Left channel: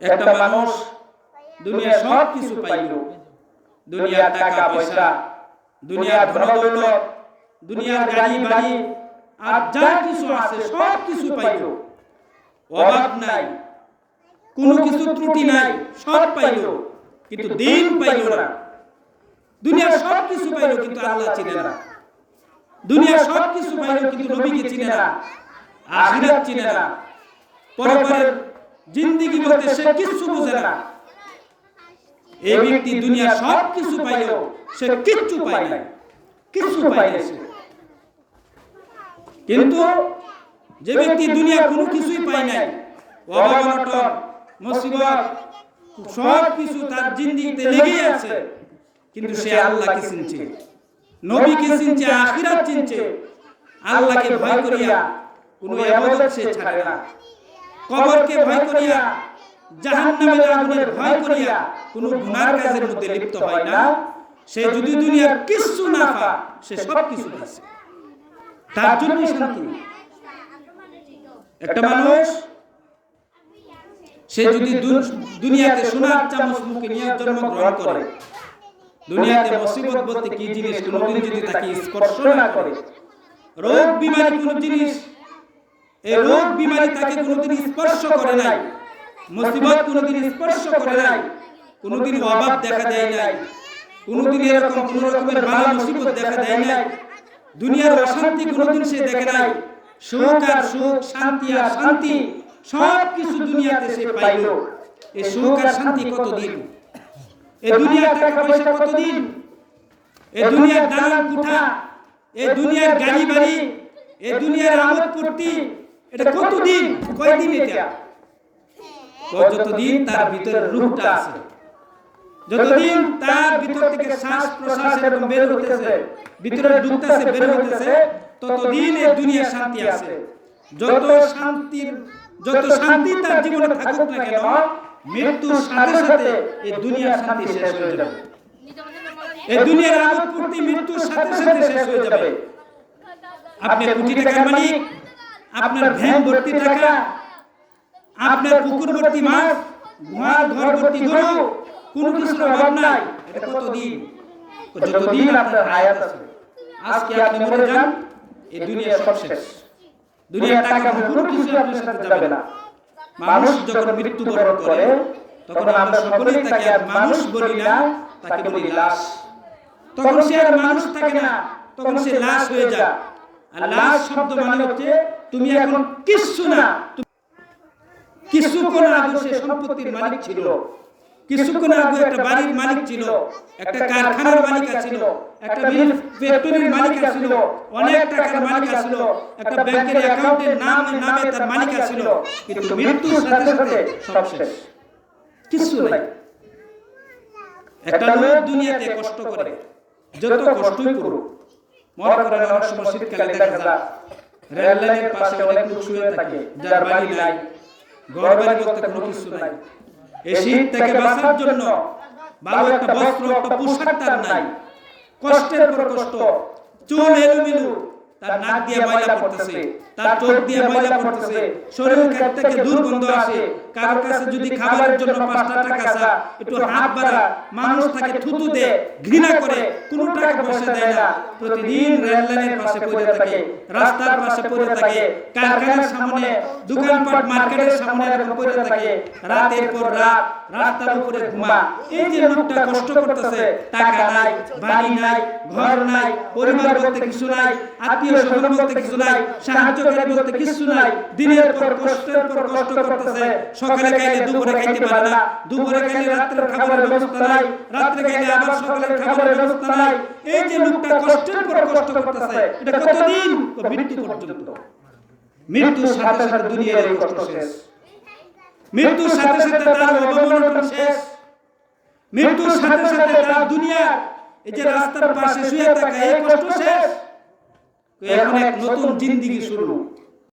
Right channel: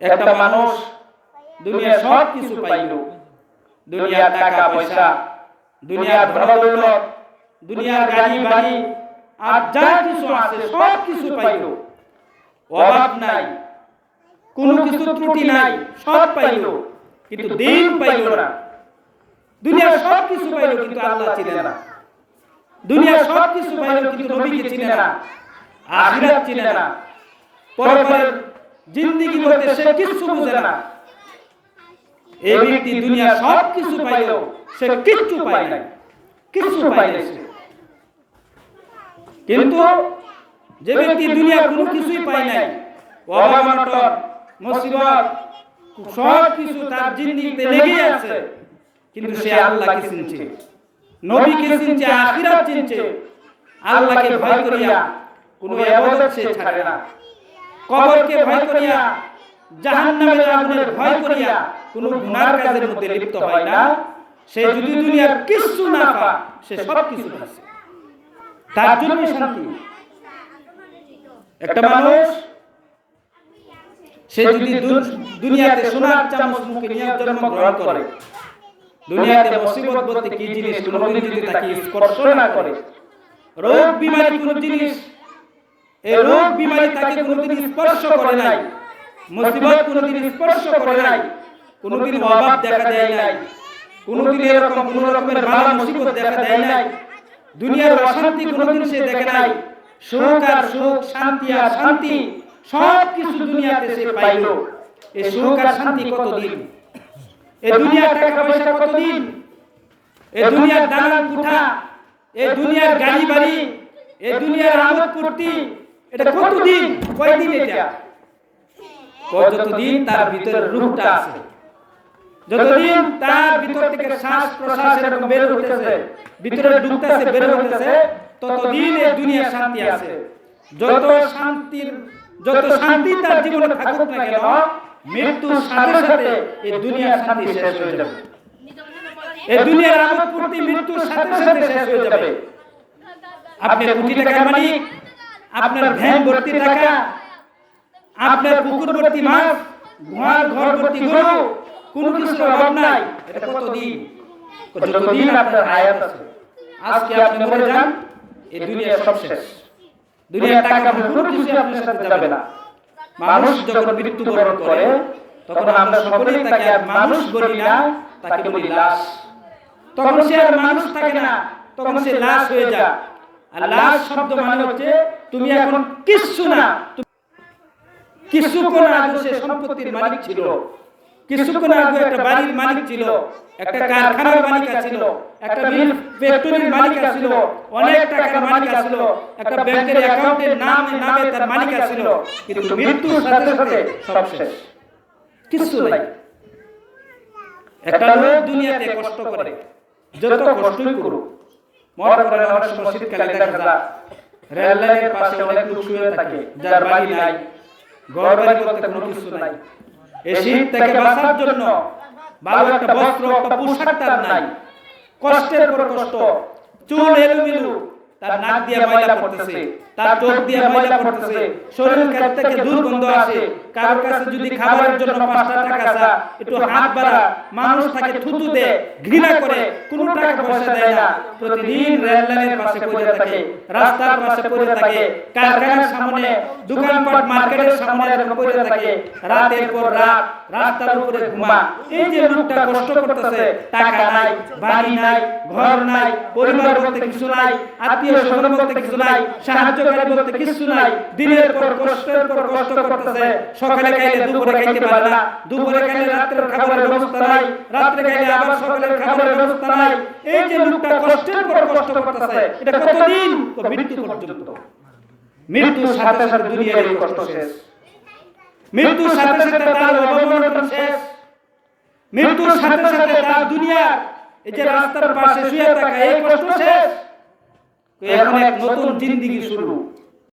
একটা মানুষ দুনিয়ার সব কিছু পাইল, দুনিয়ার টাকা পয়সা, দুনিয়ার ধনদৌলত, দুনিয়ার গাড়ি বাড়ি আর যা কিছু আছে সব কিছু পাইল, অভাব নাই, কোনো কিছু ত্রুটি নাই, সব পাইল, কিন্তু দিন পাইল না। দুনিয়ার সব কিছু পাইল কিন্তু আল্লাহ চিনে না। দুনিয়ার সব কিছু পাইল কিন্তু নবীকে চিনে না, আখিরাত চিনে না, পরকালের জিন্দেগি বলতে সে কিছু বুঝে না। এই ব্যক্তি দুনিয়ার সব কিছু পাইল, সে কিচ্ছু পায় না, কিচ্ছু পায় না। কিন্তু যে ব্যক্তি দুনিয়ার কোনো কিছুই পায় নাই, অভাব অনটন মুসিবত সব কিছু তার জিন্দেগিতে লেগে আছে, কিন্তু সে আল্লাহকে চিনছে, নবীকে চিনছে, আখিরাত চিনছে, আল্লাহকে ভয় করিয়া কোনো ইবাদত সে ছাড়ে না, কবরকে ভয় করিয়া, জাহান্নামের আগুনের ভয় করিয়া কোনো গুনার কাজের মধ্যে লিপ্ত হয় না। সে যদি দুনিয়ার কিছু না পায়, সে সব কিছু পাইছে, তার জন্য শান্তি। একটা মানুষ সে যদি দুনিয়াতে সোনার চামচ মুখে নিয়ে জন্মগ্রহণ করে, দুনিয়াতে মুসিবত বলতে কি জিনিস কোনোদিন যদি তাকে স্পর্শ না করে, রোগ বিমারি কোন জিনিস, এই রোগ বিমারি তাকে কোনোদিন স্পর্শ করে নাই, মুসিবত কোনোদিন স্পর্শ করে নাই, কোনোদিন অভাব দেখা দেয় নাই, কোনোদিন এরকম কোন রকমের বালা মুসিবত দেখা দেয় নাই, দুনিয়ার অশান্তি কোনোদিন সে দেখে নাই, সুখ আর সুখ, শান্তি আর শান্তি সব কিছু দুনিয়াতে সে পাইল। এই সুখ আর শান্তি কতদিন? এই দুনিয়ার টাকা পয়সা কতদিন? এই দুনিয়ার দালান কোঠা, এই দুনিয়ার গাড়ি বাড়ি, এই দুনিয়ার আমোদ ফুর্তি, এটা কতদিন? কয়দিন? এটা যতদিন তার ভিতরে রূহটা আছে, যতদিন তার ভিতর থেকে শ্বাস প্রশ্বাস এরকম বের হইতেছে, ভিতরে ঢুকতেছে বের হইতেছে, ততদিন এই দুনিয়ার শান্তি আছে। যত শান্তি তার জীবনে থাকুক না কেন, মৃত্যুর সাথে সাথে এই দুনিয়ার শান্তি শেষ হয়ে যাবে, এই দুনিয়ার আমোদ ফুর্তি মৃত্যুর সাথে সাথে শেষ হয়ে যাবে। আপনি কোটি টাকার মালিক, আপনার ভ্যান ভর্তি টাকা, আপনার পুকুর ভর্তি মাছ, ঘর ভর্তি গরু, কোনো কিছুর অভাব নাই, এটা কতদিন? যতদিন আপনার হায়াত আছে। আজকে আপনি মরে যান, এই দুনিয়া সব শেষ, দুনিয়ার টাকা কোনো কিছু আপনার সাথে যাবে না। মানুষ যখন মৃত্যুবরণ করে তখন আমরা সকলেই তাকে আর মানুষ বলি না, তাকে বলি লাশ। তখন সে আর মানুষ থাকে না, তখন সে লাশ হয়ে যায়। আর লাশ শব্দ মানে হচ্ছে তুমি এখন কিচ্ছু না। কিছুক্ষণ আগে সে সম্পত্তির মালিক ছিল, কিছুক্ষণ আগে একটা বাড়ির মালিক ছিল, একটা কারখানার মালিক ছিল, একটা মিল ফ্যাক্টরির মালিক ছিল, অনেক টাকার মালিক ছিল, একটা ব্যাংকের অ্যাকাউন্টের নামে তার মালিক ছিল, কিন্তু মৃত্যুর সাথে সাথে সব শেষ, কিছু নাই। একটা লোক দুনিয়াতে কষ্ট করে, যত কষ্টই করুক, মনে করেন অনেক সময় শীতকালে দেখা যায় রেল লাইনের পাশে অনেক লোক শুয়ে থাকে, যার বাড়ি নাই, ঘর বাড়ি বলতে কোনো কিছু নাই। এই শীত থেকে বাঁচার জন্য ভালো একটা বস্ত্র, একটা পোশাক তার নাই, কষ্টের পর কষ্ট, চুল এলোমেলো, তার নাক দিয়ে ময়লা পড়তেছে, তার চোখ দিয়ে ময়লা পড়তেছে, শরীর থেকে দুর্গন্ধ আসে। কারো কাছে যদি খাবারের জন্য 5টা টাকা চা, একটু হাত বাড়া, মানুষ তাকে থুতু দেয়, ঘৃণা করে, কোনো টাকা পয়সা দেয় না। প্রতিদিন রেল লাইনের পাশে পড়ে থাকে, রাস্তার পাশে পড়ে থাকে, কারখানার সামনে, দোকানপাট মার্কেটের সামনে এরকম পড়ে থাকে, রাতের পর রাত রাস্তার উপরে ঘুমা। এই যে লোকটা কষ্ট করতেছে, টাকা নাই, বাড়ি নাই, ঘর নাই, পরিবার বলতে কিছু নাই, আত্মীয় স্বজন বলতে কিছু নাই, সাহায্যকারী বলতে কিছু নাই, দিনের পর কষ্টের পর কষ্ট করতেছে। সকালে খাইলে দুপুরে খাইতে পারে না, দুপুরে খাইলে রাত্রের খাবারের ব্যবস্থা নাই, রাত্রে খাইলে আবার সকালের খাবারের ব্যবস্থা নাই। এই যে লোকটা কষ্টের পর কষ্ট করতেছে, এটা কতদিন? মৃত্যু পর্যন্ত। মৃত্যুর সাথে সাথে দুনিয়ার এই কষ্ট শেষ, মৃত্যুর সাথে সাথে তার অবমরণ শেষ, মৃত্যুর সাথে সাথে তার দুনিয়া, এই যে রাস্তার পাশে শুয়ে থাকা, এই কষ্ট শেষ। এখন এক নতুন জিন্দেগি শুরু।